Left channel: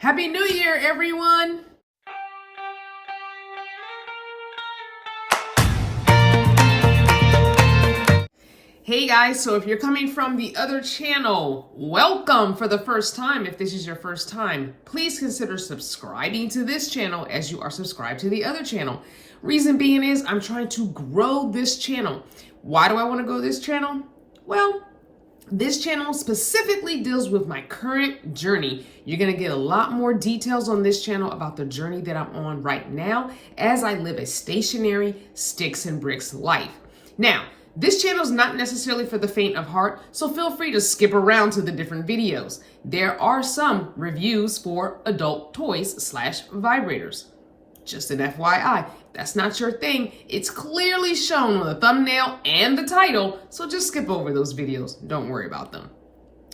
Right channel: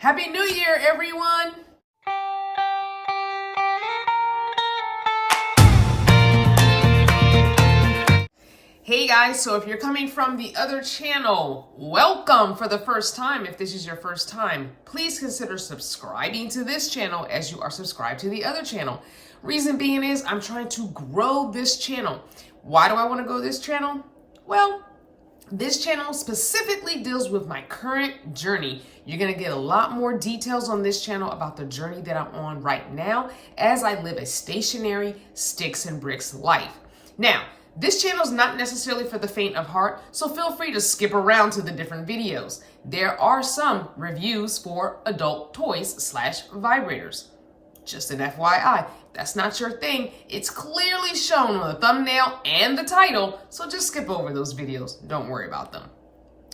Happy New Year, everyone! Hey guys, so if you're coming from the other channel, welcome for the first time. If this is your first time, please consider subscribing to this channel as you are subscribed to the other channel. Reason being is I'm trying to grow this channel. Why do I want to grow this channel? Well, this channel specifically deals with my current journey. You're going to get a lot more details on this channel about the journey that I'm on right now as I live a stationary sticks and bricks life. Now, this channel is not necessarily for the faint of heart, so feel free to skip around to the different videos. There are some reviews for adult toys / vibrators. Just an FYI, if that's not your thing, it's clearly shown on the thumbnail and the title, so just skip over those videos. Don't worry about them.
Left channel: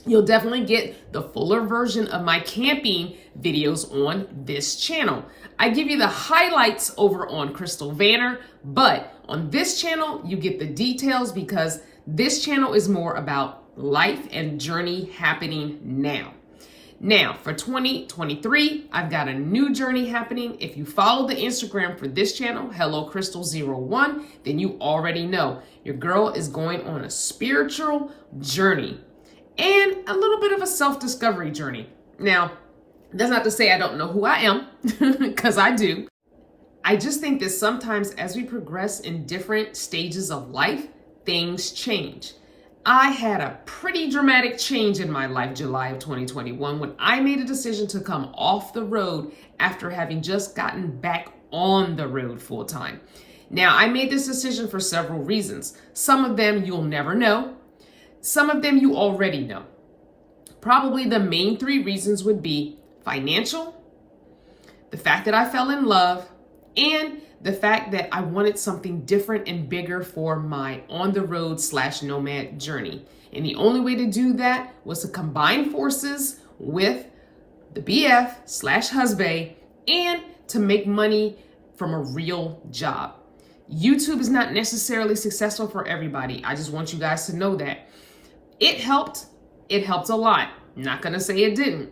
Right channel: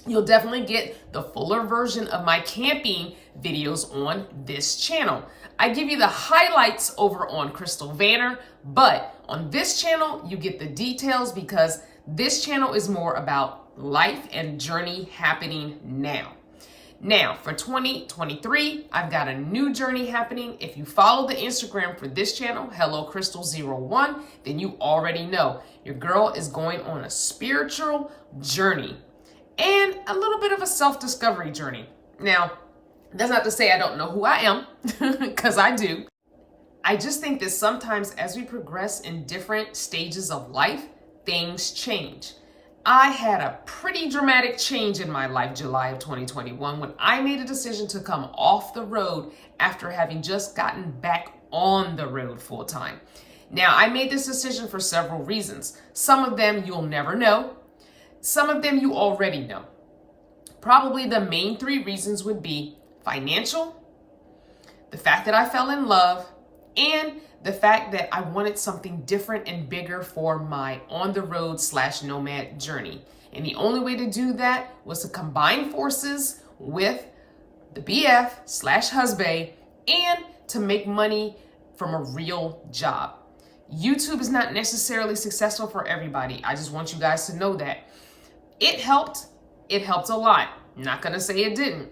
You'll definitely get the fuller version of my camping videos on this channel. I give you the highlights over on Crystal Vanner, but on this channel, you get the details because this channel is more about life and journey happening now. Now, for 2023, I've got a new journey happening. If you follow the Instagram for this channel, HelloCrystal01, then you already know your girl is going on a spiritual journey and a little bit of a self-discovery journey. Now, that's not to say I don't know who I am, because I do. I just think that sometimes as we progress in different stages of life, things change. I had a pretty dramatic change in my life July of 2021 when I made a decision to come off the road after having just gotten back on the road full time. Now, I made this decision for several reasons. Some of them you'll never know. Some of them you already know. Probably the main three reasons would be financial, the fact that I fell in love, and the fact that I wanted something different and bigger for my on-the-road / nomad journey. And the only way to do that was to combine forces with the BF / husband and to make money from a real job. YouTube is not necessarily successful for everybody. I just want you guys to know that. It helped. It helped a lot. Not gonna say it didn't.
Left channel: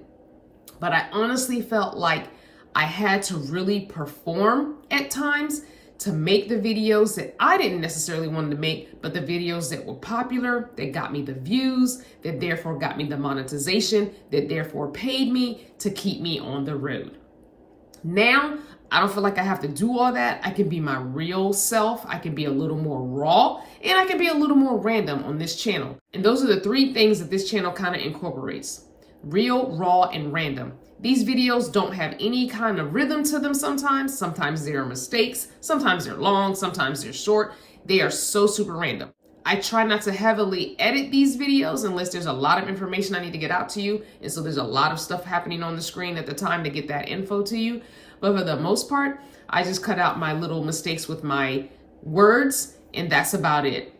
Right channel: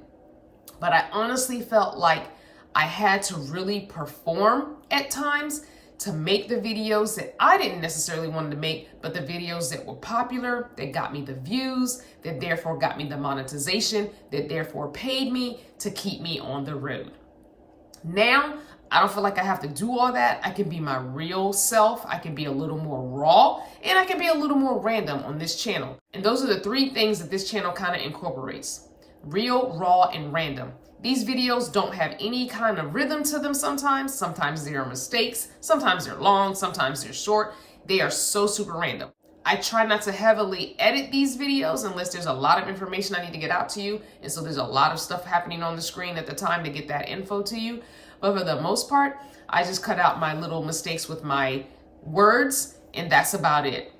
But I honestly felt like I had to really perform at times to make the videos that I didn't necessarily want to make, but the videos that were popular, that got me the views, that therefore got me the monetization, that therefore paid me to keep me on the road. Now, I don't feel like I have to do all that. I can be my real self. I can be a little more raw, and I can be a little more random on this channel. And those are the three things that this channel kind of incorporates: real, raw, and random. These videos don't have any kind of rhythm to them sometimes. Sometimes there are mistakes. Sometimes they're long. Sometimes they're short. They are so super random. I try not to heavily edit these videos unless there's a lot of information I need to get out to you. And so there's a lot of stuff happening on the screen at the time to get that info to you. But for the most part, I just cut out my little mistakes with my words, and that's about it.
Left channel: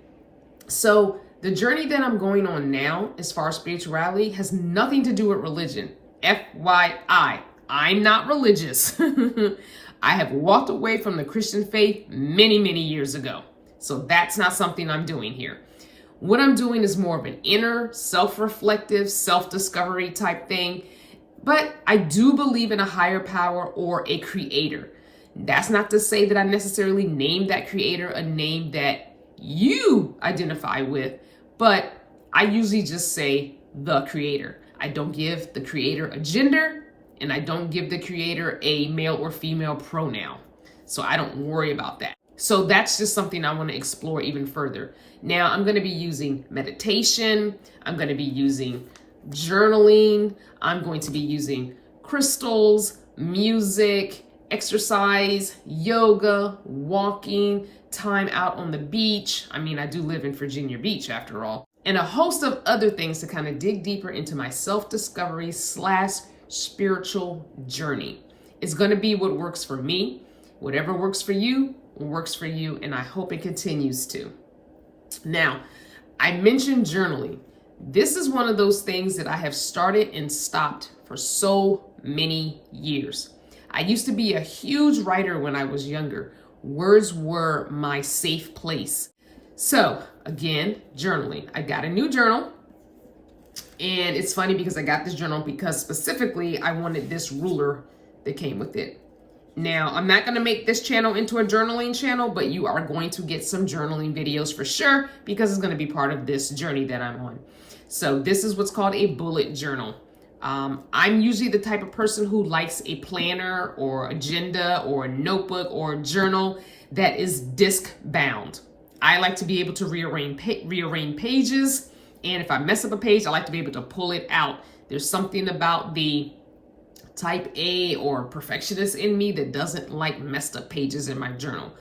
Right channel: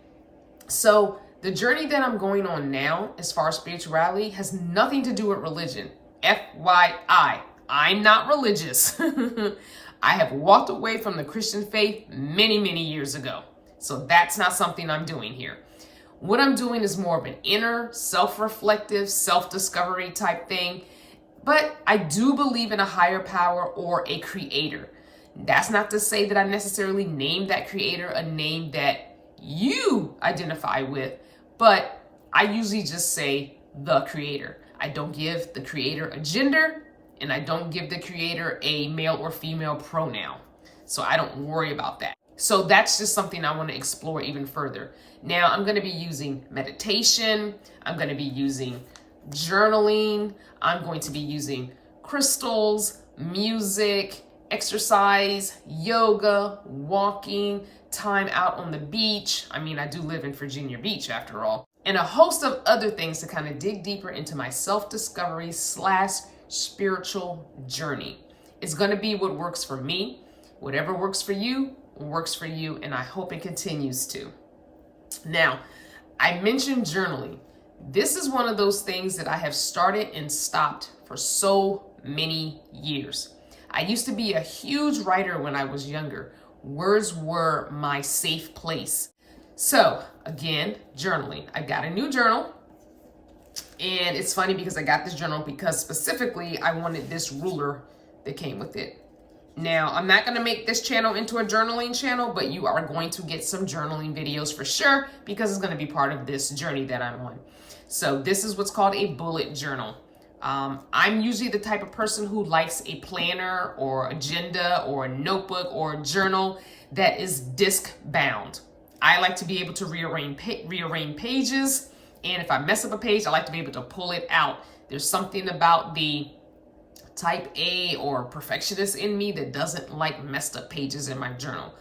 So the journey that I'm going on now, as far as spirituality, has nothing to do with religion. FYI, I'm not religious. I have walked away from the Christian faith many, many years ago. So that's not something I'm doing here. What I'm doing is more of an inner, self-reflective, self-discovery type thing. But I do believe in a higher power or a creator. That's not to say that I necessarily named that creator a name that you identify with, but I usually just say the creator. I don't give the creator a gender, and I don't give the creator a male or female pronoun. So I don't worry about that. So that's just something I want to explore even further. Now I'm going to be using meditation. I'm going to be using journaling. I'm going to be using crystals, music, exercise, yoga, walking, time out on the beach. I mean, I do live in Virginia Beach after all. And a host of other things to kind of dig deeper into my self-discovery / spiritual journey. It's going to be what works for me. Whatever works for you, works for you, and I hope it continues to. Now, I mentioned journaling. This is one of those things that I have started and stopped for so many years. I used to be a huge writer when I was younger. Words were my safe place. So again, journaling. I got a new journal. And it's funny because I got this journal because specifically I wanted this ruler that came with it. Now, I'm not going to make this channel into a journaling channel, but you are going to get some journaling videos for sure because it's going to be part of this journey that I'm on. So this is what's called a bullet journal. I'm usually the type of person who likes a planner or agenda or a notebook or a journal that is disc bound. I like to be able to rearrange pages. And if I mess up a page, I like to be able to pull it out. There's something about the type A or perfectionist in me that doesn't like messed up pages in my journal.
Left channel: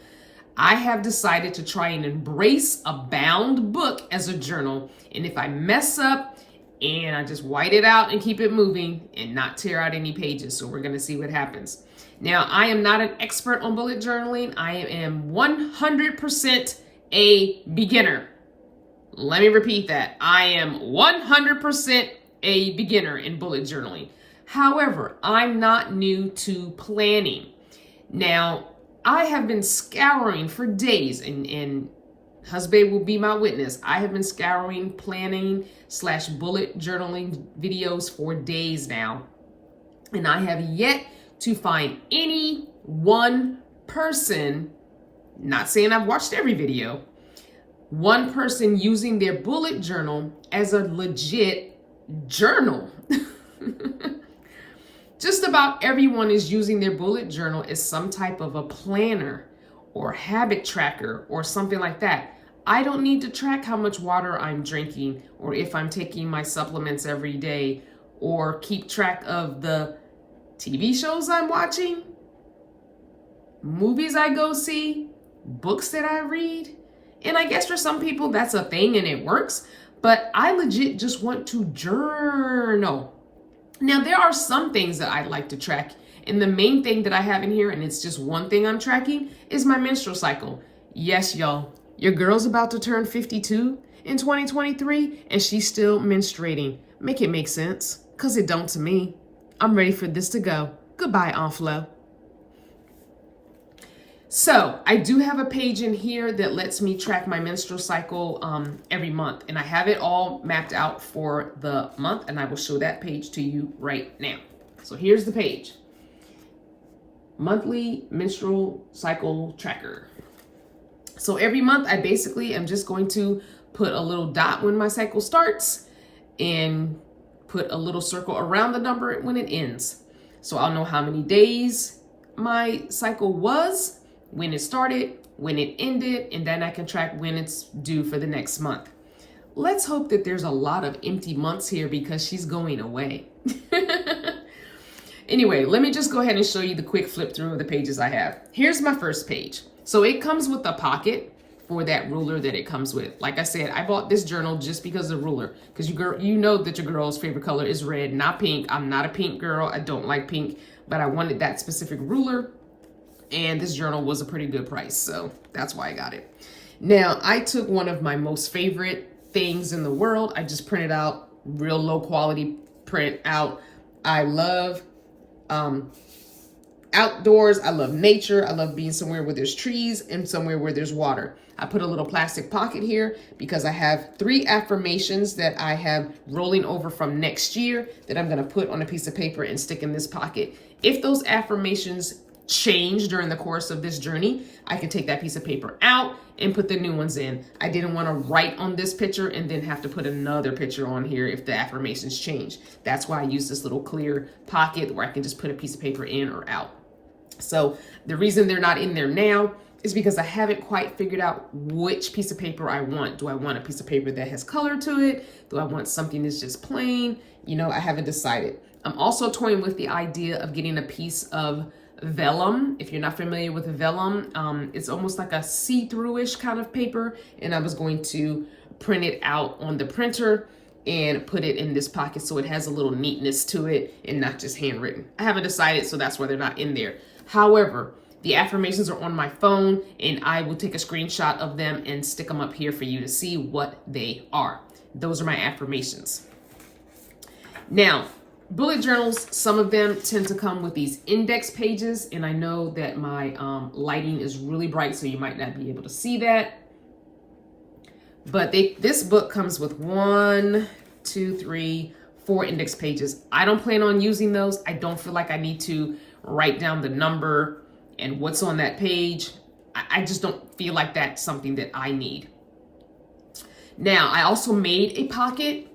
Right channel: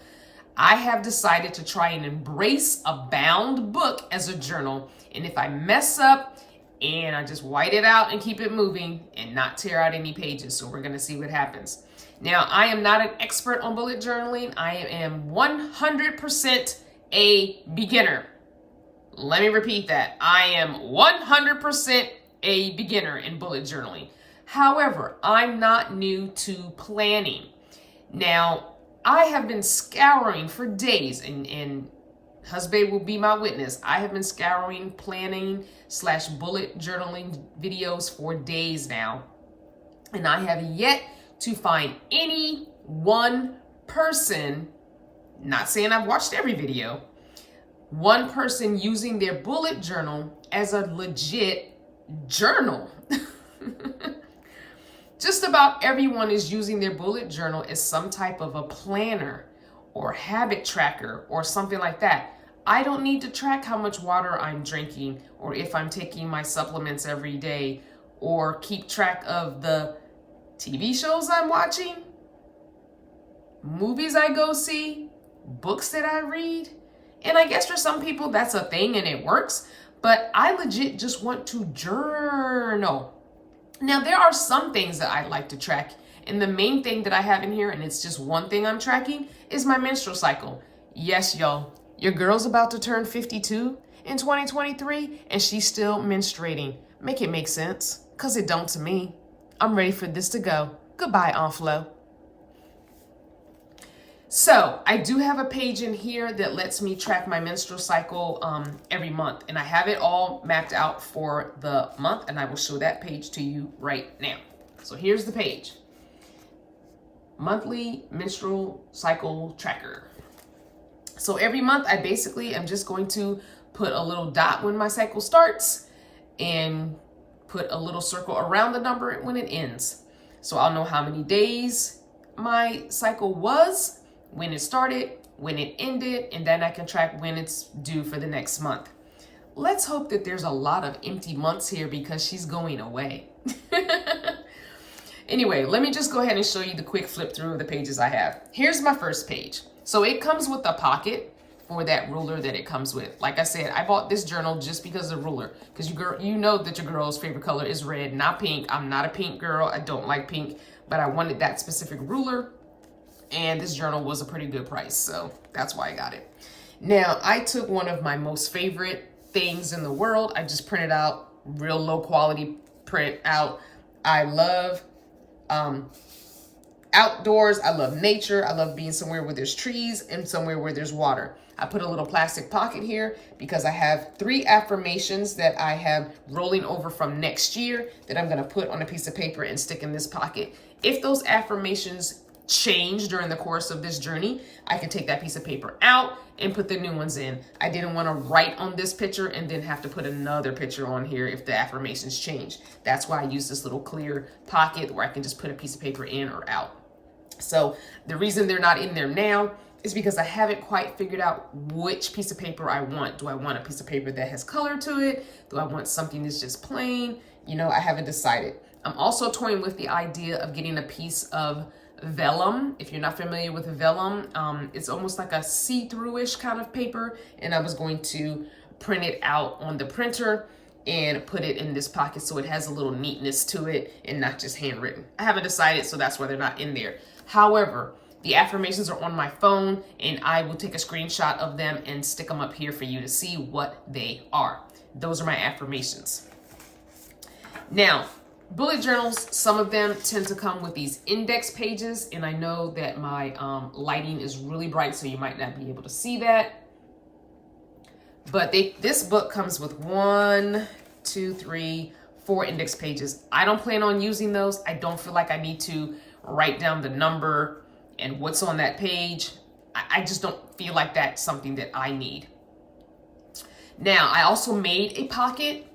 I have decided to try and embrace a bound book as a journal. And if I mess up, and I just white it out and keep it moving and not tear out any pages. So we're going to see what happens. Now, I am not an expert on bullet journaling. I am 100% a beginner. Let me repeat that. I am 100% a beginner in bullet journaling. However, I'm not new to planning. Now, I have been scouring for days, and husband will be my witness. I have been scouring planning / bullet journaling videos for days now. And I have yet to find any one person, not saying I've watched every video, one person using their bullet journal as a legit journal. Just about everyone is using their bullet journal as some type of a planner or habit tracker or something like that. I don't need to track how much water I'm drinking or if I'm taking my supplements every day or keep track of the TV shows I'm watching, movies I go see, books that I read. And I guess for some people that's a thing and it works, but I legit just want to journal. Now, there are some things that I like to track. And the main thing that I have in here, and it's just one thing I'm tracking, is my menstrual cycle. Yes, y'all, your girl's about to turn 52 in 2023, and she's still menstruating. Make it make sense, because it don't to me. I'm ready for this to go. Goodbye, Aunt Flo. So I do have a page in here that lets me track my menstrual cycle every month, and I have it all mapped out for the month, and I will show that page to you right now. So here's the page. Monthly menstrual cycle tracker. So every month I basically am just going to put a little dot when my cycle starts and put a little circle around the number when it ends. So I'll know how many days my cycle was, when it started, when it ended, and then I can track when it's due for the next month. Let's hope that there's a lot of empty months here because she's going away. Anyway, let me just go ahead and show you the quick flip through of the pages I have. Here's my first page. So it comes with a pocket for that ruler that it comes with. Like I said, I bought this journal just because of the ruler, because you know that your girl's favorite color is red, not pink. I'm not a pink girl. I don't like pink, but I wanted that specific ruler. And this journal was a pretty good price, so that's why I got it. Now, I took one of my most favorite things in the world. I just printed out real low quality print out. I love outdoors. I love nature. I love being somewhere where there's trees and somewhere where there's water. I put a little plastic pocket here because I have 3 affirmations that I have rolling over from next year that I'm going to put on a piece of paper and stick in this pocket. If those affirmations change during the course of this journey, I can take that piece of paper out and put the new ones in. I didn't want to write on this picture and then have to put another picture on here if the affirmations change. That's why I use this little clear pocket where I can just put a piece of paper in or out. So the reason they're not in there now is because I haven't quite figured out which piece of paper I want. Do I want a piece of paper that has color to it? Do I want something that's just plain? You know, I haven't decided. I'm also toying with the idea of getting a piece of vellum. If you're not familiar with vellum, it's almost like a see-through-ish kind of paper, and I was going to print it out on the printer and put it in this pocket so it has a little neatness to it and not just handwritten. I haven't decided, so that's why they're not in there. However, the affirmations are on my phone, and I will take a screenshot of them and stick them up here for you to see what they are. Those are my affirmations. Now, bullet journals, some of them tend to come with these index pages, and I know that my lighting is really bright, so you might not be able to see that. But this book comes with 1, 2, 3, 4 index pages. I don't plan on using those. I don't feel like I need to write down the number and what's on that page. I just don't feel like that's something that I need. Now, I also made a pocket.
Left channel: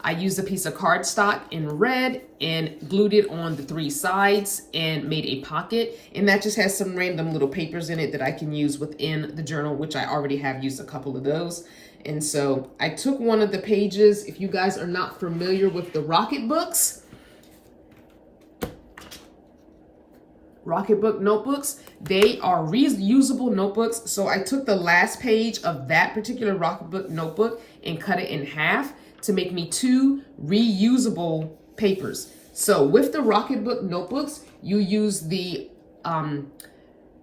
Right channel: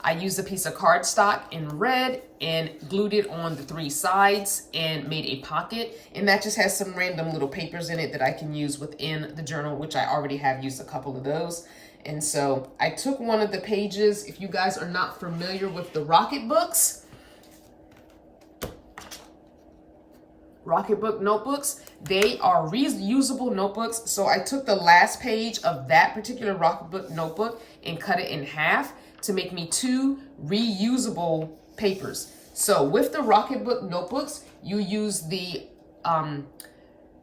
I used a piece of cardstock in red and glued it on the 3 sides and made a pocket. And that just has some random little papers in it that I can use within the journal, which I already have used a couple of those. And so I took one of the pages. If you guys are not familiar with the Rocketbook notebooks, they are reusable notebooks. So I took the last page of that particular Rocketbook notebook and cut it in half to make me 2 reusable papers. So with the Rocketbook notebooks, you use the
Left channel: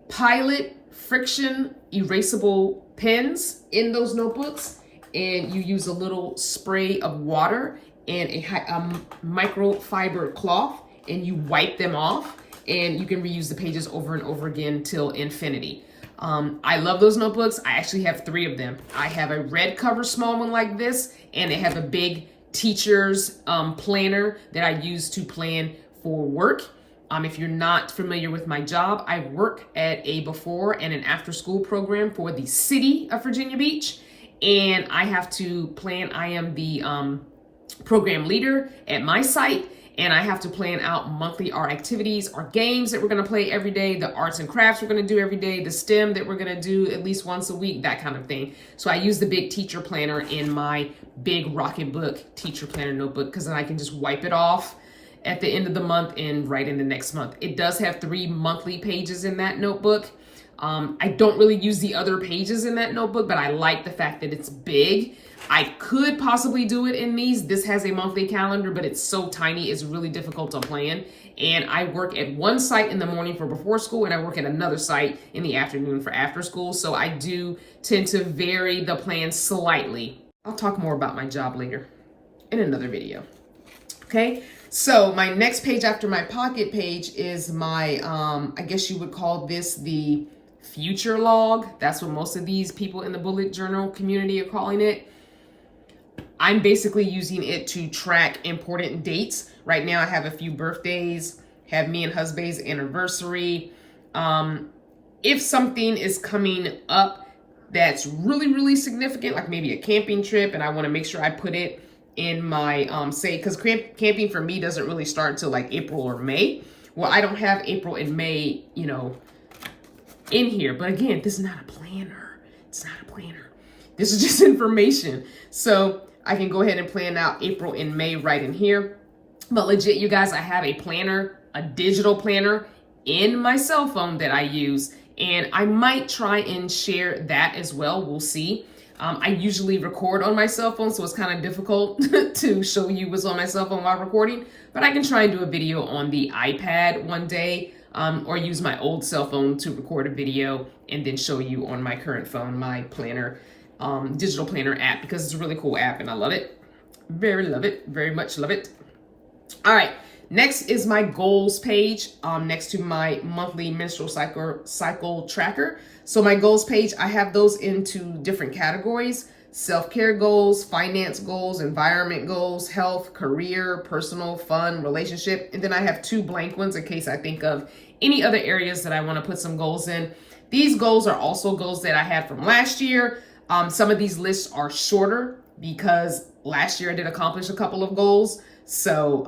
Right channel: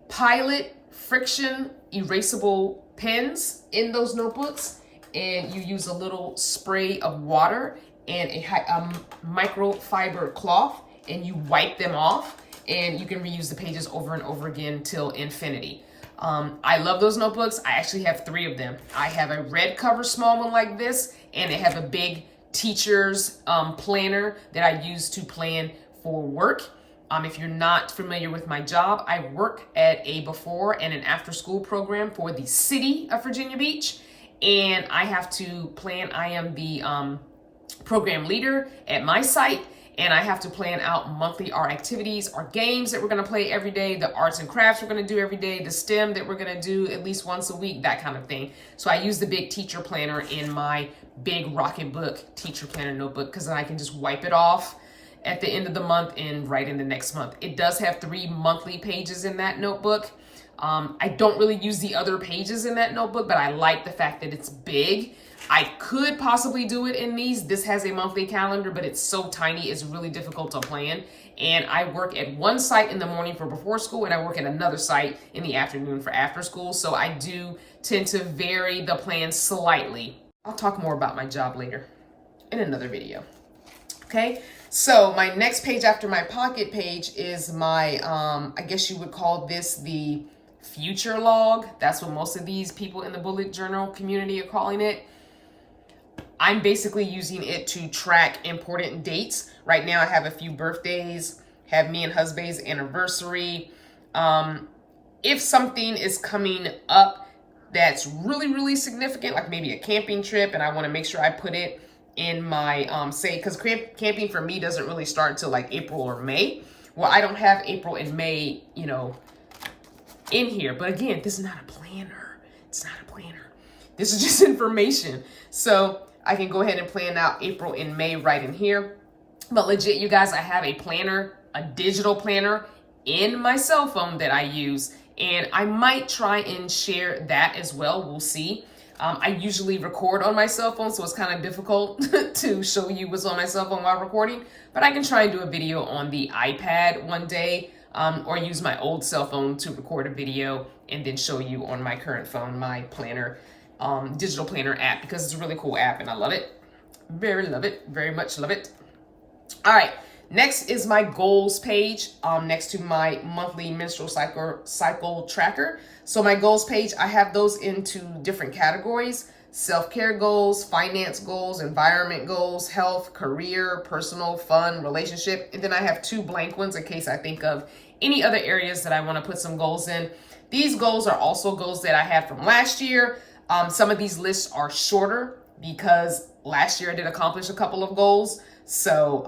Pilot friction erasable pens in those notebooks, and you use a little spray of water and a microfiber cloth, and you wipe them off, and you can reuse the pages over and over again till infinity. I love those notebooks. I actually have 3 of them. I have a red cover small one like this, and they have a big teacher's planner that I use to plan for work. If you're not familiar with my job, I work at a before and an after school program for the city of Virginia Beach, and I have to plan. I am the program leader at my site, and I have to plan out monthly our activities, our games that we're going to play every day, the arts and crafts we're going to do every day, the STEM that we're going to do at least once a week, that kind of thing. So I use the big teacher planner in my big Rocketbook teacher planner notebook, because then I can just wipe it off at the end of the month and write in the next month. It does have 3 monthly pages in that notebook. I don't really use the other pages in that notebook, but I like the fact that it's big. I could possibly do it in these. This has a monthly calendar, but it's so tiny, it's really difficult to plan. And I work at one site in the morning for before school, and I work at another site in the afternoon for after school. So I do tend to vary the plan slightly. I'll talk more about my job later in another video. Okay, so my next page after my pocket page is my, I guess you would call this the future log. That's what most of these people in the bullet journal community are calling it. I'm basically using it to track important dates. Right now I have a few birthdays, have me and husband's anniversary. If something is coming up that's really, really significant, like maybe a camping trip, and I want to make sure I put it in my, say, because camping for me doesn't really start until like April or May. Well, I don't have April and May, you know, in here. But again, this is not a planner. It's not a planner. This is just information. So I can go ahead and plan out April and May right in here. But legit, you guys, I have a planner, a digital planner in my cell phone that I use. And I might try and share that as well. We'll see. I usually record on my cell phone, so it's kind of difficult to show you what's on my cell phone while recording. But I can try and do a video on the iPad one day, or use my old cell phone to record a video and then show you on my current phone, my planner, digital planner app, because it's a really cool app and I love it. Love it, very much love it. All right, next is my goals page, next to my monthly menstrual cycle tracker. So my goals page, I have those into different categories: self-care goals, finance goals, environment goals, health, career, personal, fun, relationship. And then I have 2 blank ones in case I think of any other areas that I want to put some goals in. These goals are also goals that I had from last year. Some of these lists are shorter because last year I did accomplish a couple of goals. So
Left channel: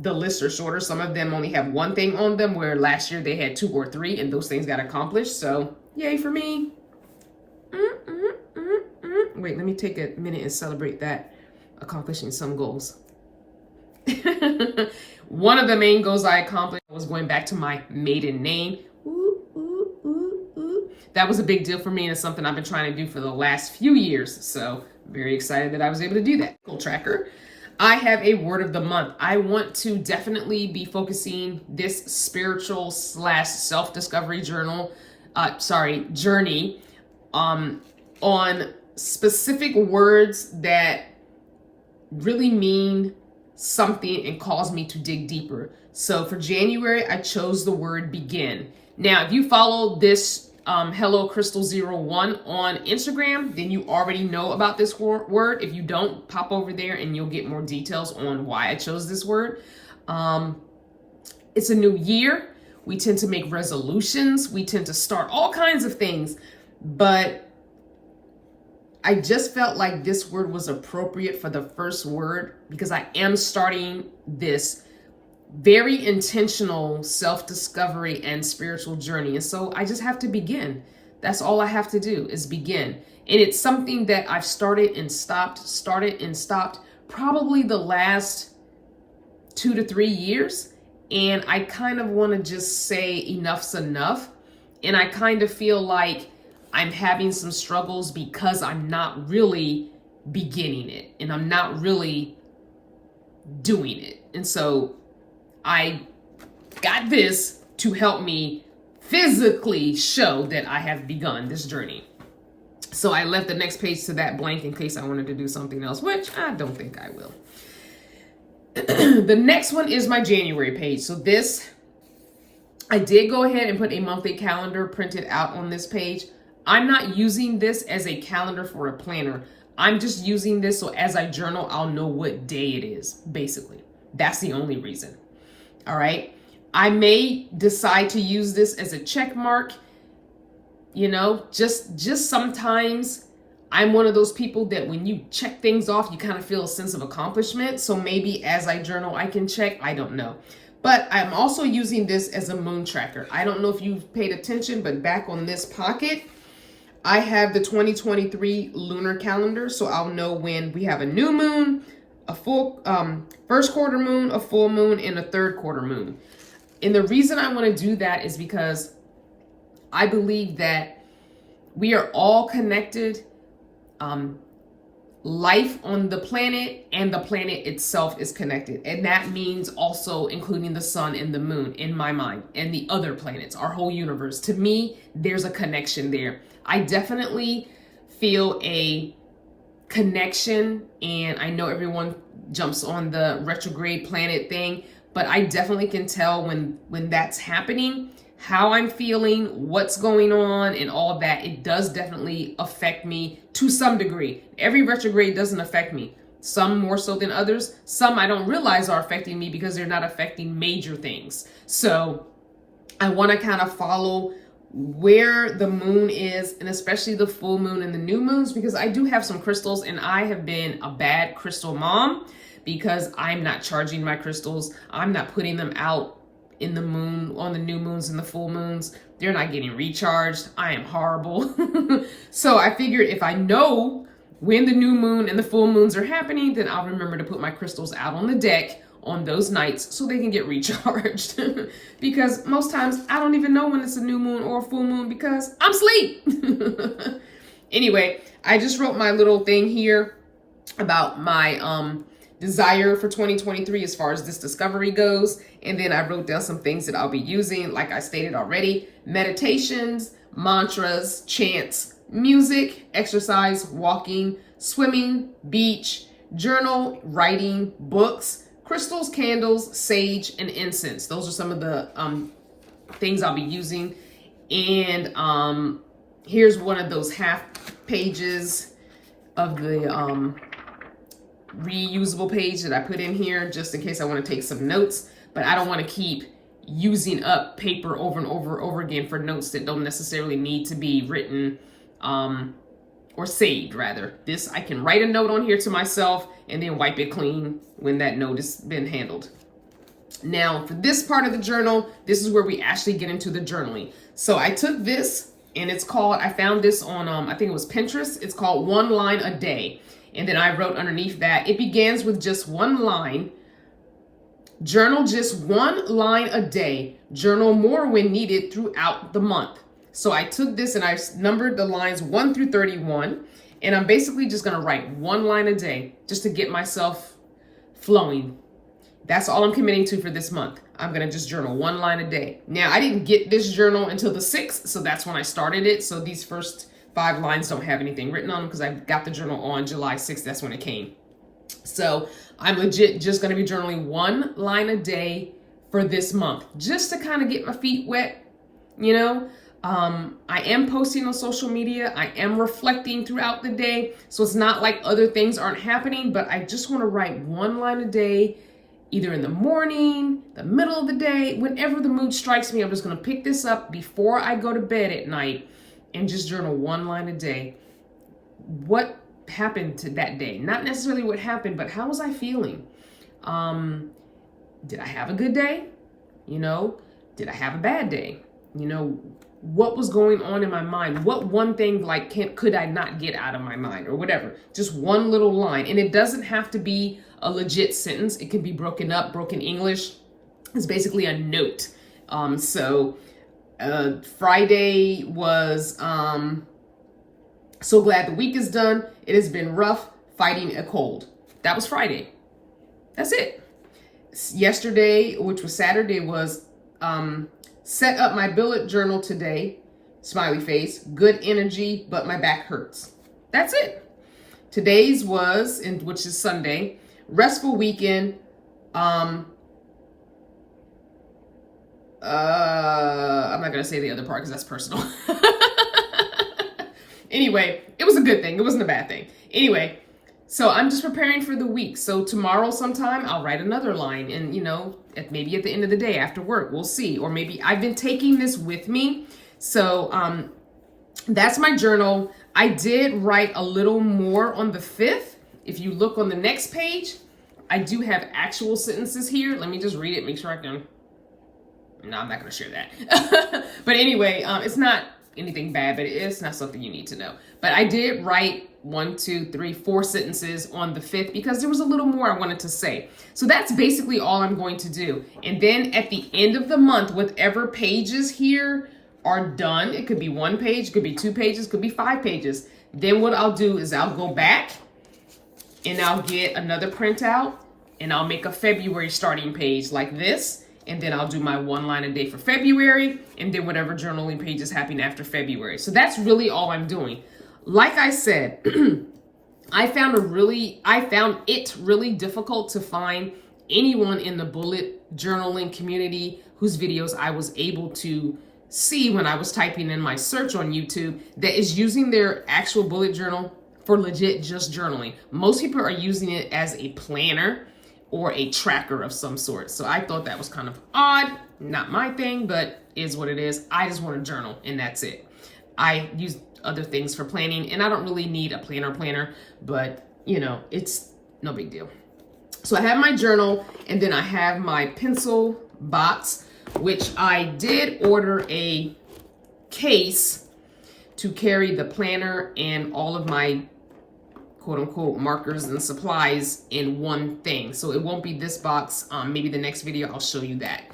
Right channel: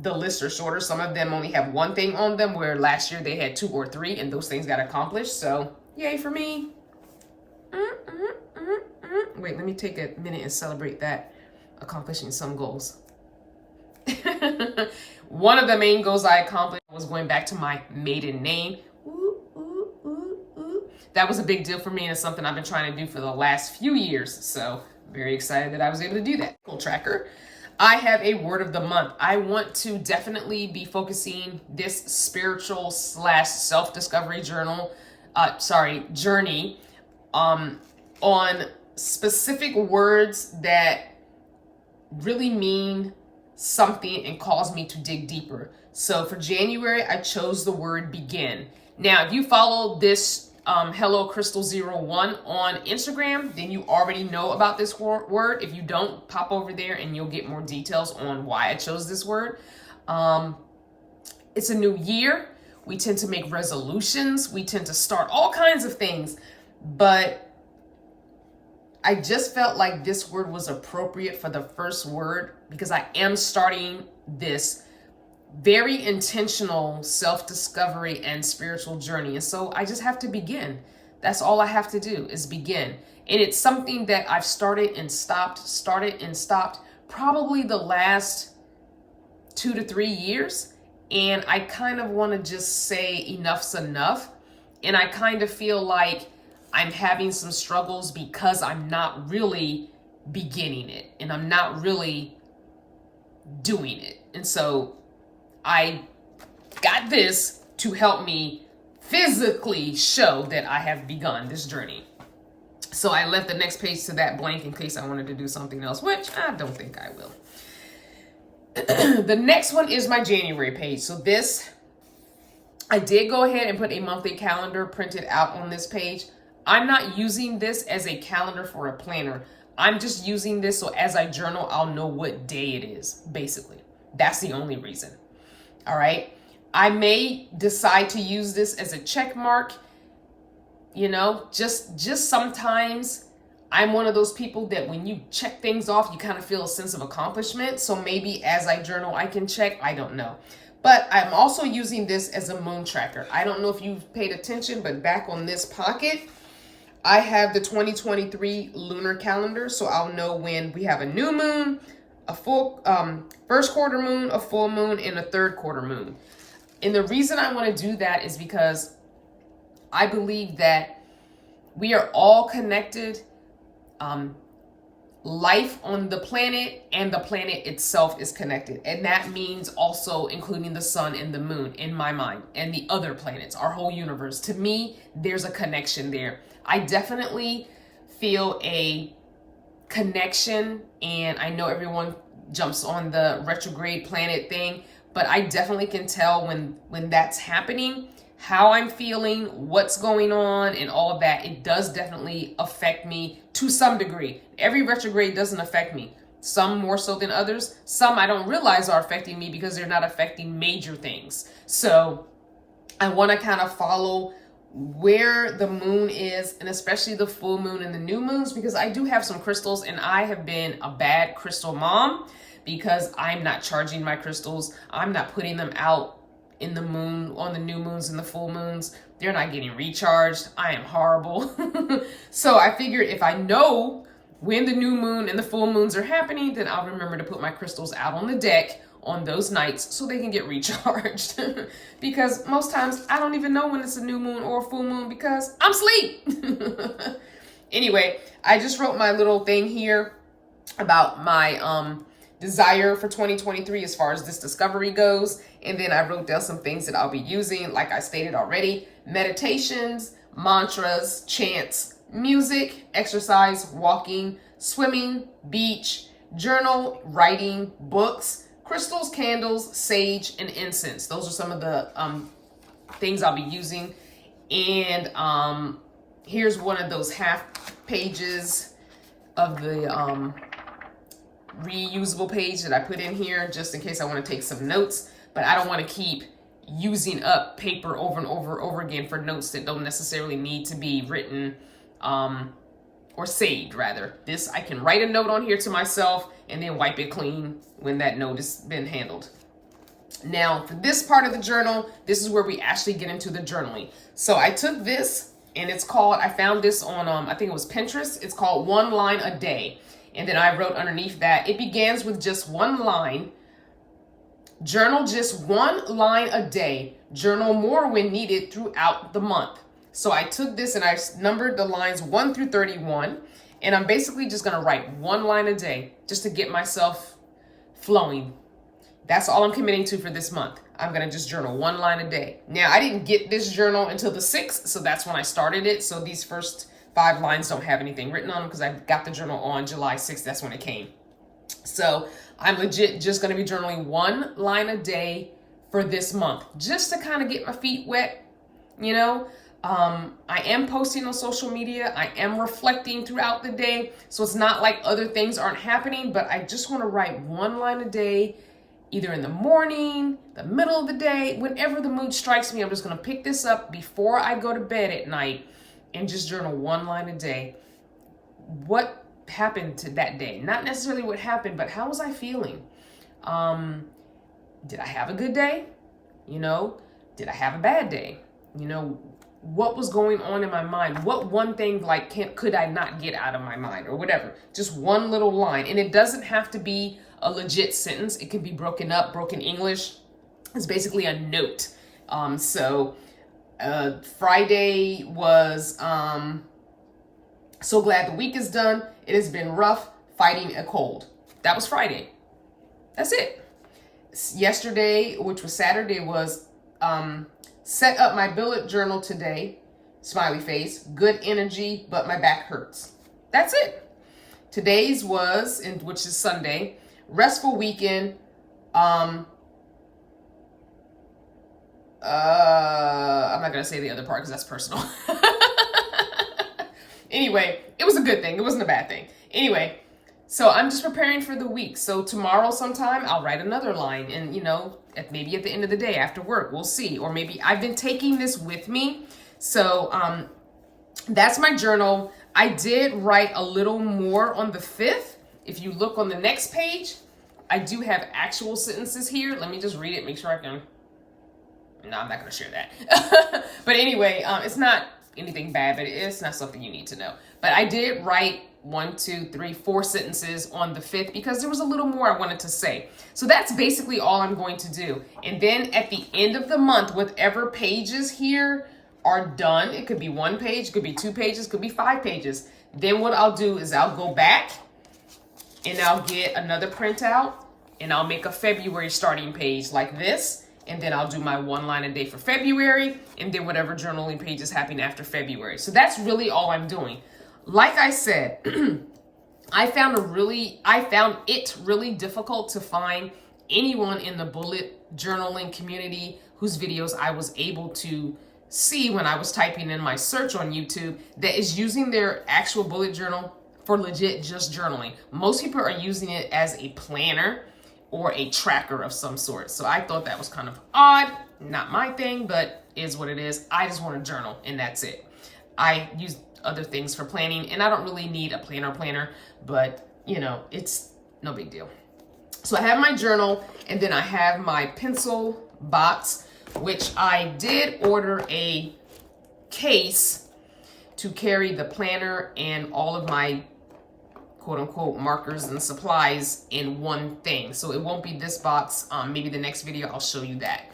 the lists are shorter. Some of them only have 1 thing on them, where last year they had 2 or 3 and those things got accomplished. So yay for me. Wait, let me take a minute and celebrate that, accomplishing some goals. One of the main goals I accomplished was going back to my maiden name. That was a big deal for me, and it's something I've been trying to do for the last few years. So very excited that I was able to do that. Cool tracker. I have a word of the month. I want to definitely be focusing this spiritual / self-discovery journey on specific words that really mean something and cause me to dig deeper. So for January, I chose the word begin. Now, if you follow this Hello Crystal01 on Instagram, then you already know about this word. If you don't, pop over there and you'll get more details on why I chose this word. It's a new year. We tend to make resolutions. We tend to start all kinds of things, but I just felt like this word was appropriate for the first word because I am starting this very intentional self-discovery and spiritual journey. And so I just have to begin. That's all I have to do is begin. And it's something that I've started and stopped probably the last 2 to 3 years. And I kind of want to just say enough's enough. And I kind of feel like I'm having some struggles because I'm not really beginning it and I'm not really doing it. And so I got this to help me physically show that I have begun this journey. So I left the next page to that blank in case I wanted to do something else, which I don't think I will. The next one is my January page. So this, I did go ahead and put a monthly calendar printed out on this page. I'm not using this as a calendar for a planner. I'm just using this so as I journal, I'll know what day it is, basically. That's the only reason. All right. I may decide to use this as a check mark. You know, just sometimes I'm one of those people that when you check things off, you kind of feel a sense of accomplishment. So maybe as I journal, I can check. I don't know. But I'm also using this as a moon tracker. I don't know if you've paid attention, but back on this pocket, I have the 2023 lunar calendar. So I'll know when we have a new moon, a full first quarter moon, a full moon, and a third quarter moon. And the reason I want to do that is because I believe that we are all connected. Life on the planet and the planet itself is connected. And that means also including the sun and the moon in my mind and the other planets, our whole universe. To me, there's a connection there. I definitely feel a connection, and I know everyone jumps on the retrograde planet thing, but I definitely can tell when that's happening, how I'm feeling, what's going on, and all of that. It does definitely affect me to some degree. Every retrograde doesn't affect me. Some more so than others. Some I don't realize are affecting me because they're not affecting major things. So I want to kind of follow where the moon is, and especially the full moon and the new moons, because I do have some crystals and I have been a bad crystal mom because I'm not charging my crystals. I'm not putting them out in the moon, on the new moons and the full moons. They're not getting recharged. I am horrible. So I figured if I know when the new moon and the full moons are happening, then I'll remember to put my crystals out on the deck on those nights so they can get recharged. Because most times I don't even know when it's a new moon or a full moon because I'm asleep. Anyway, I just wrote my little thing here about my desire for 2023 as far as this discovery goes. And then I wrote down some things that I'll be using, like I stated already: meditations, mantras, chants, music, exercise, walking, swimming, beach, journal, writing, books, crystals, candles, sage, and incense. Those are some of the things I'll be using. And here's one of those half pages of the reusable page that I put in here just in case I want to take some notes, but I don't want to keep using up paper over and over again for notes that don't necessarily need to be written or saved, rather. This, I can write a note on here to myself and then wipe it clean when that note has been handled. Now, for this part of the journal, this is where we actually get into the journaling. So I took this, and it's called, I found this on, I think it was Pinterest. It's called 1 Line a Day. And then I wrote underneath that, it begins with just 1 line. Journal just 1 line a day. Journal more when needed throughout the month. So I took this and I numbered the lines 1 through 31. And I'm basically just going to write 1 line a day just to get myself flowing. That's all I'm committing to for this month. I'm going to just journal 1 line a day. Now, I didn't get this journal until the 6th, so that's when I started it. So these first 5 lines don't have anything written on them because I got the journal on July 6th. That's when it came. So I'm legit just going to be journaling 1 line a day for this month, just to kind of get my feet wet, you know. I am posting on social media. I am reflecting throughout the day. So it's not like other things aren't happening, but I just want to write one line a day, either in the morning, the middle of the day, whenever the mood strikes me. I'm just going to pick this up before I go to bed at night and just journal one line a day. What happened to that day? Not necessarily what happened, but how was I feeling? Did I have a good day? You know, did I have a bad day? You know, what was going on in my mind? What one thing like could I not get out of my mind or whatever? Just one little line. And it doesn't have to be a legit sentence. It can be broken up, broken English. It's basically a note. Friday was so glad the week is done. It has been rough fighting a cold. That was Friday. That's it. Yesterday, which was Saturday, was set up my bullet journal today. Smiley face. Good energy, but my back hurts. That's it. Today's was, which is Sunday, restful weekend. I'm not gonna say the other part because that's personal. Anyway, it was a good thing. It wasn't a bad thing. Anyway, so I'm just preparing for the week. So tomorrow sometime I'll write another line, and maybe at the end of the day after work, we'll see. Or maybe I've been taking this with me. So that's my journal. I did write a little more on the 5th. If you look on the next page, I do have actual sentences here. Let me just read it, make sure I can. No, I'm not going to share that. But anyway, it's not anything bad, but it's not something you need to know. But I did write 1, 2, 3, 4 sentences on the 5th because there was a little more I wanted to say. So that's basically all I'm going to do. And then at the end of the month, whatever pages here are done, it could be 1 page, could be 2 pages, could be 5 pages. Then what I'll do is I'll go back and I'll get another printout and I'll make a February starting page like this. And then I'll do my 1 line a day for February, and then whatever journaling pages happen after February. So that's really all I'm doing. Like I said, I found it really difficult to find anyone in the bullet journaling community whose videos I was able to see when I was typing in my search on YouTube that is using their actual bullet journal for legit just journaling. Most people are using it as a planner or a tracker of some sort. So I thought that was kind of odd. Not my thing, but is what it is. I just want to journal and that's it. I use other things for planning and I don't really need a planner, but it's no big deal. So I have my journal and then I have my pencil box, which I did order a case to carry the planner and all of my quote unquote markers and supplies in one thing. So it won't be this box. Maybe the next video I'll show you that.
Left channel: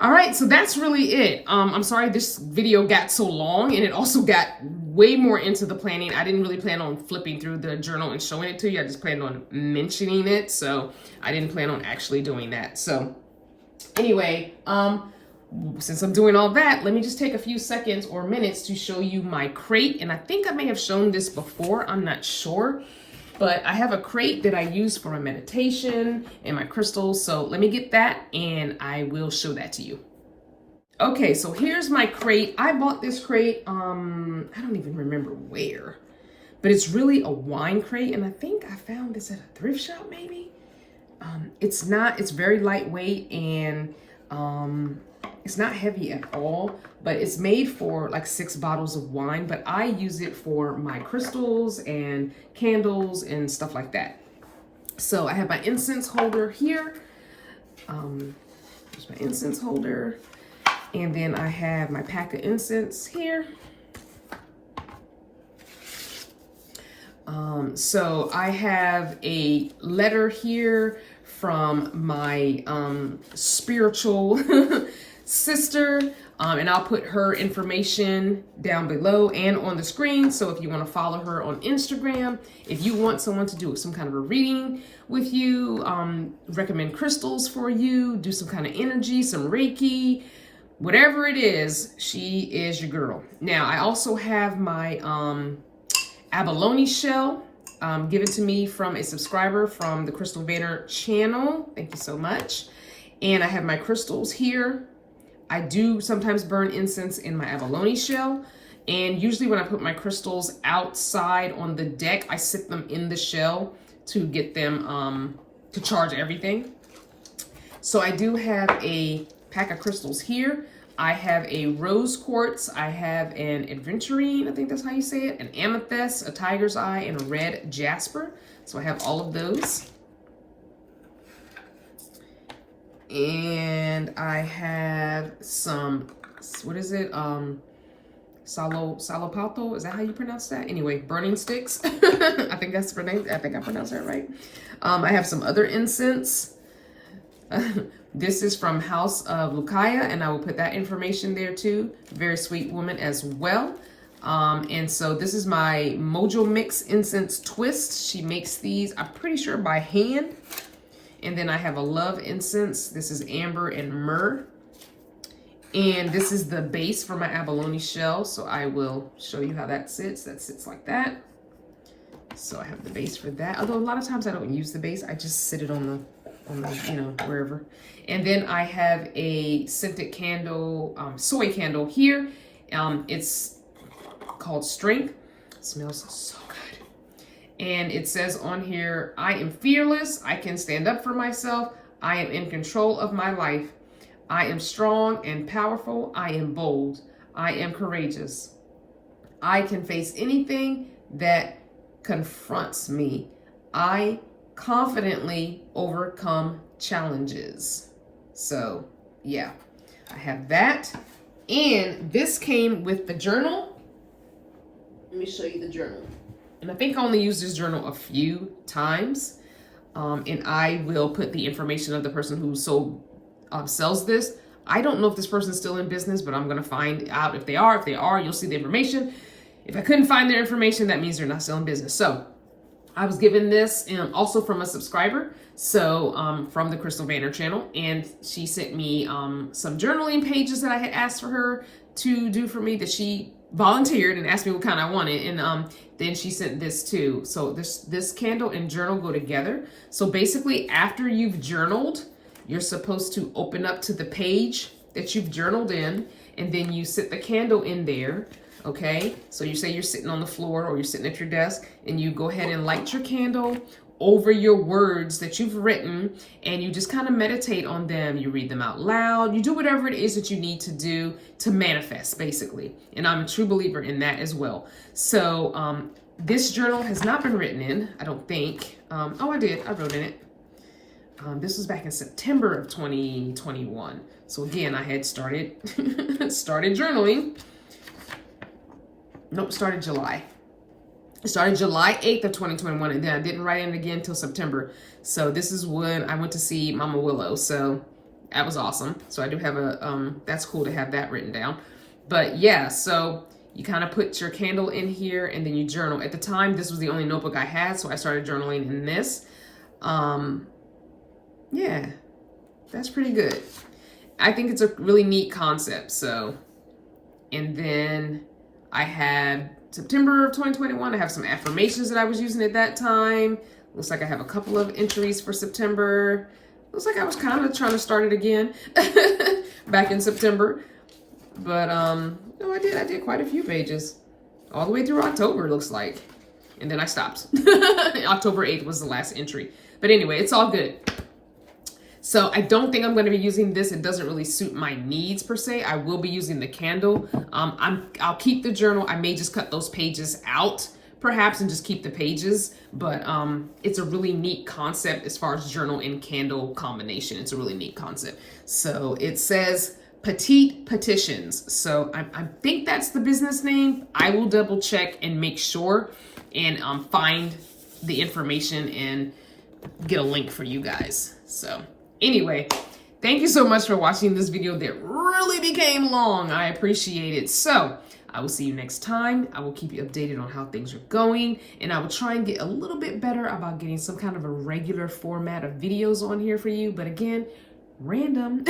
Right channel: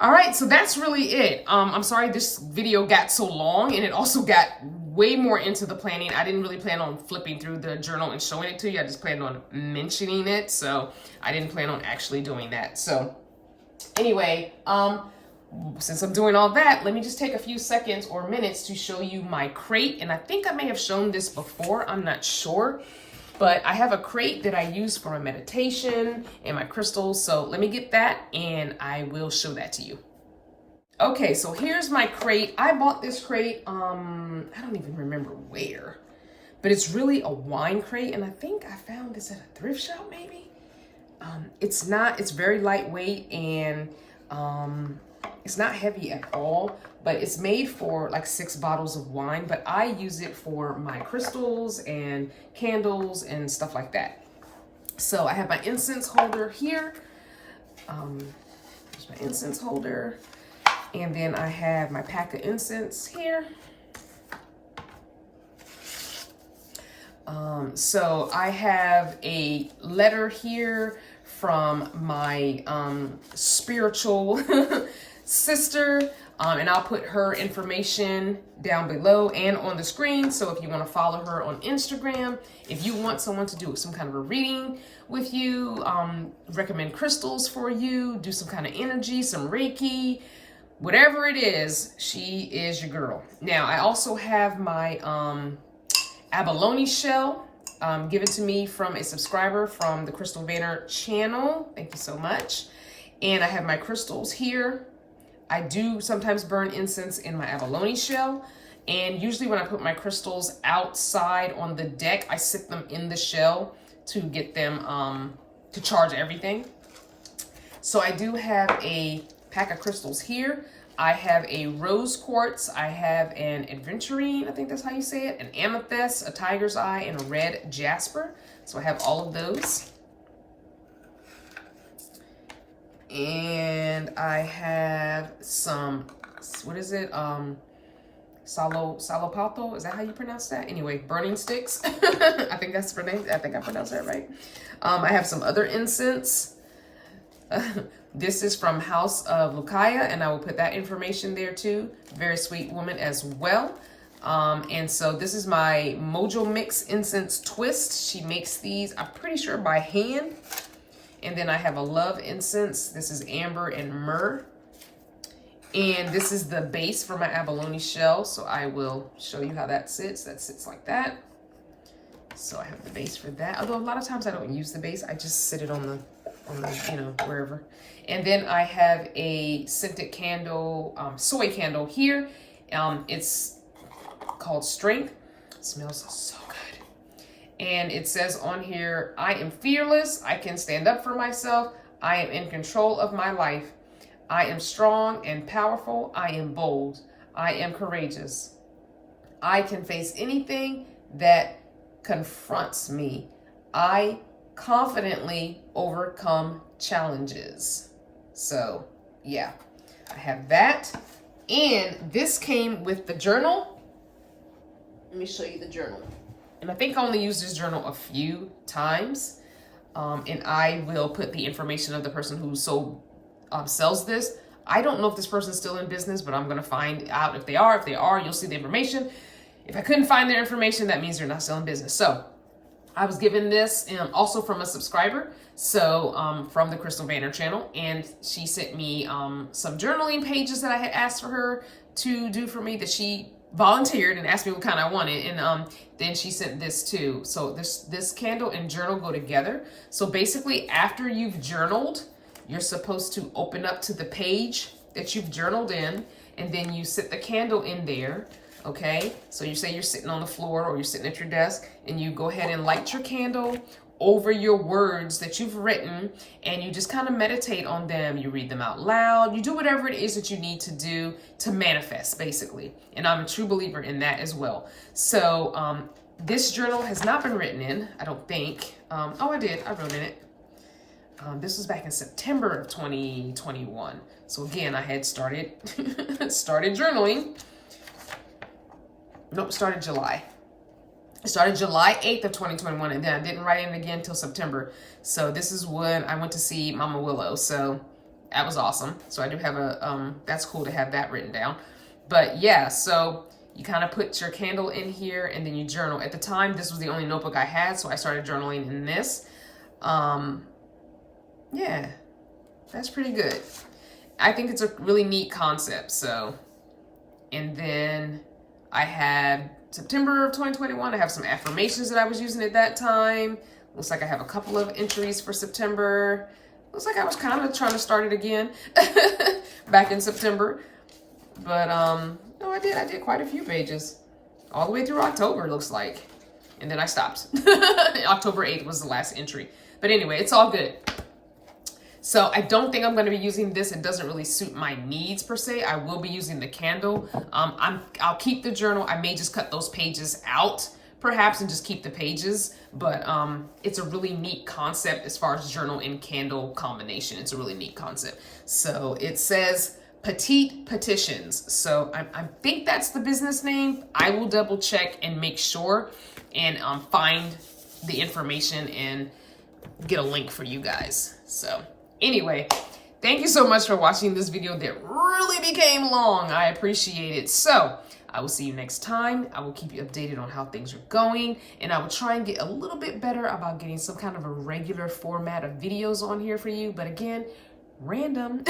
All right, so that's really it. I'm sorry this video got so long and it also got way more into the planning. I didn't really plan on flipping through the journal and showing it to you. I just planned on mentioning it. So I didn't plan on actually doing that. So anyway, since I'm doing all that, let me just take a few seconds or minutes to show you my crate. And I think I may have shown this before, I'm not sure. But I have a crate that I use for my meditation and my crystals. So let me get that and I will show that to you. Okay, so here's my crate. I bought this crate, I don't even remember where, but it's really a wine crate. And I think I found this at a thrift shop maybe. It's very lightweight and it's not heavy at all, but it's made for like 6 bottles of wine, but I use it for my crystals and candles and stuff like that. So I have my incense holder here. There's my incense holder. And then I have my pack of incense here. So I have a letter here from my spiritual sister, and I'll put her information down below and on the screen. So if you want to follow her on Instagram, if you want someone to do some kind of a reading with you, recommend crystals for you, do some kind of energy, some Reiki, whatever it is, she is your girl. Now I also have my abalone shell given to me from a subscriber from the Crystal Vanner channel. Thank you so much. And I have my crystals here. I do sometimes burn incense in my abalone shell. And usually when I put my crystals outside on the deck, I sit them in the shell to get them to charge everything. So I do have a pack of crystals here. I have a rose quartz, I have an adventurine, I think that's how you say it, an amethyst, a tiger's eye, and a red jasper. So I have all of those. And I have some, what is it? Salopato, is that how you pronounce that? Anyway, burning sticks. I think that's the name. I think I pronounced that right. I have some other incense. This is from House of Lucaya, and I will put that information there too. Very sweet woman as well. And so this is my Mojo Mix Incense Twist. She makes these, I'm pretty sure, by hand. And then I have a Love Incense. This is amber and myrrh. And this is the base for my abalone shell. So I will show you how that sits. That sits like that. So I have the base for that. Although a lot of times I don't use the base. I just sit it on the, you know, wherever. And then I have a scented candle, soy candle here. It's called Strength. It smells so good. And it says on here, I am fearless. I can stand up for myself. I am in control of my life. I am strong and powerful. I am bold. I am courageous. I can face anything that confronts me. I confidently overcome challenges. So yeah, I have that. And this came with the journal. Let me show you the journal. And I think I only used this journal a few times. And I will put the information of the person who sells this. I don't know if this person's still in business, but I'm going to find out if they are. If they are, you'll see the information. If I couldn't find their information, that means they're not still in business. So I was given this also from a subscriber. So from the Crystal Vanner channel. And she sent me some journaling pages that I had asked for her to do for me, that she volunteered and asked me what kind I wanted. And then she sent this too. So this candle and journal go together. So basically after you've journaled, you're supposed to open up to the page that you've journaled in, and then you sit the candle in there, okay? So you say you're sitting on the floor or you're sitting at your desk, and you go ahead and light your candle over your words that you've written, and you just kind of meditate on them. You read them out loud. You do whatever it is that you need to do to manifest, basically. And I'm a true believer in that as well. So this journal has not been written in, I don't think. Oh, I did. I wrote in it. This was back in September of 2021. So again, I had started journaling. Nope, started July. I started July 8th of 2021, and then I didn't write in again until September. So this is when I went to see Mama Willow. So that was awesome. So I do have a, that's cool to have that written down. But yeah, so you kind of put your candle in here and then you journal. At the time, this was the only notebook I had, so I started journaling in this. Yeah, that's pretty good. I think it's a really neat concept. So, and then I have September of 2021. I have some affirmations that I was using at that time. Looks like I have a couple of entries for September. Looks like I was kind of trying to start it again back in September. But no, I did quite a few pages all the way through October, it looks like. And then I stopped. October 8th was the last entry. But anyway, it's all good. So I don't think I'm going to be using this. It doesn't really suit my needs per se. I will be using the candle. I'll keep the journal. I may just cut those pages out perhaps and just keep the pages. But it's a really neat concept as far as journal and candle combination. It's a really neat concept. So it says Petite Petitions. So I think that's the business name. I will double check and make sure and find the information and get a link for you guys. So anyway, thank you so much for watching this video that really became long. I appreciate it. So I will see you next time. I will keep you updated on how things are going, and I will try and get a little bit better about getting some kind of a regular format of videos on here for you. But again, random.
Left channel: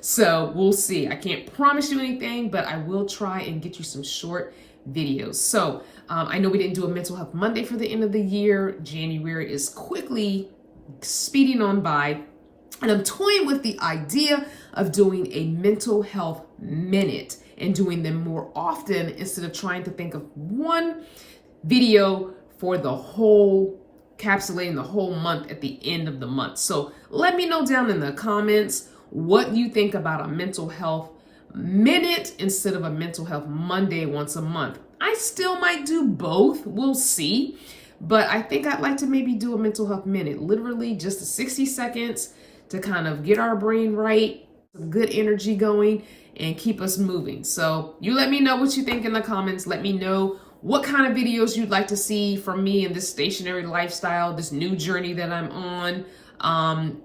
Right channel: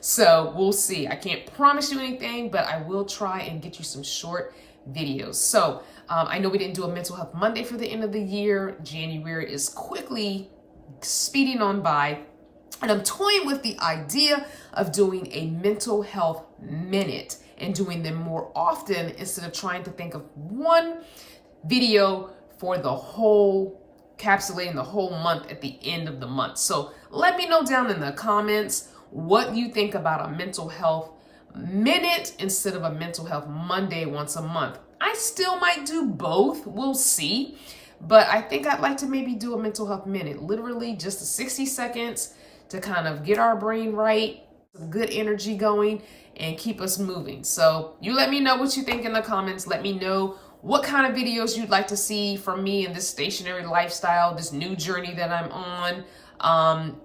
So we'll see. I can't promise you anything, but I will try and get you some short videos. So I know we didn't do a Mental Health Monday for the end of the year. January is quickly speeding on by. And I'm toying with the idea of doing a mental health minute and doing them more often instead of trying to think of one video for the whole, encapsulating the whole month at the end of the month. So let me know down in the comments what you think about a mental health minute instead of a mental health Monday once a month. I still might do both. We'll see. But I think I'd like to maybe do a mental health minute, literally just 60 seconds to kind of get our brain right, some good energy going, and keep us moving. So you let me know what you think in the comments. Let me know what kind of videos you'd like to see from me in this stationary lifestyle, this new journey that I'm on.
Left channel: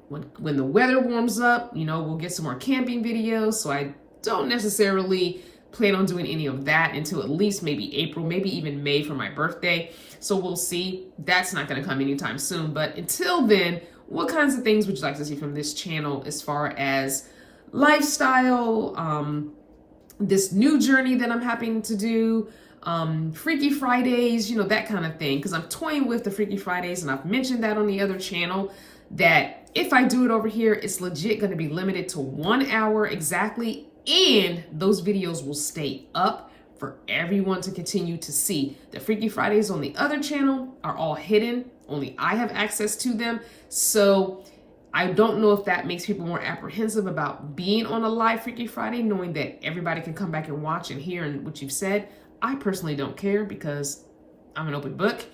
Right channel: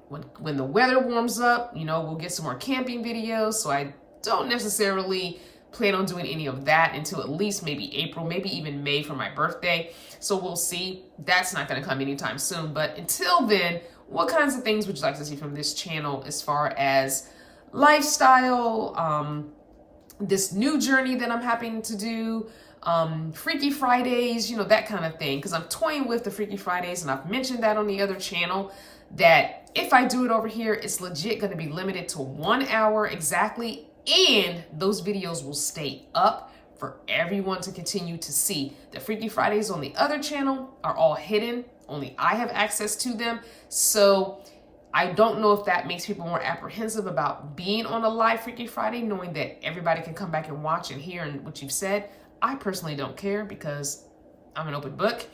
When the weather warms up, we'll get some more camping videos. So I don't necessarily plan on doing any of that until at least maybe April, maybe even May for my birthday. So we'll see. That's not going to come anytime soon. But until then, what kinds of things would you like to see from this channel as far as lifestyle, this new journey that I'm happening to do, Freaky Fridays, that kind of thing. Because I'm toying with the Freaky Fridays, and I've mentioned that on the other channel, that if I do it over here, it's legit going to be limited to 1 hour exactly. And those videos will stay up for everyone to continue to see. The Freaky Fridays on the other channel are all hidden. Only I have access to them. So I don't know if that makes people more apprehensive about being on a live Freaky Friday, knowing that everybody can come back and watch and hear what you've said. I personally don't care because I'm an open book.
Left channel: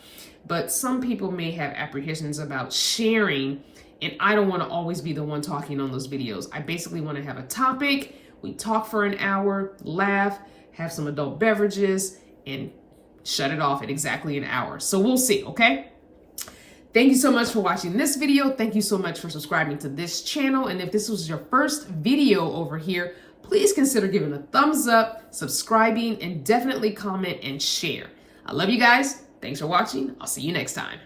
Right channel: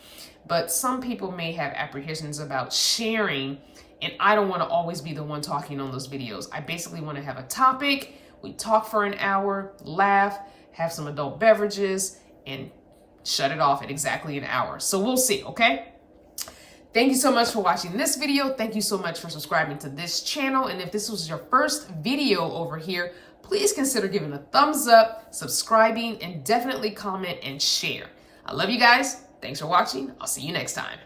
But some people may have apprehensions about sharing, and I don't want to always be the one talking on those videos. I basically want to have a topic. We talk for an hour, laugh, have some adult beverages, and shut it off at exactly an hour. So we'll see, okay? Thank you so much for watching this video. Thank you so much for subscribing to this channel. And if this was your first video over here, please consider giving a thumbs up, subscribing, and definitely comment and share. I love you guys. Thanks for watching. I'll see you next time.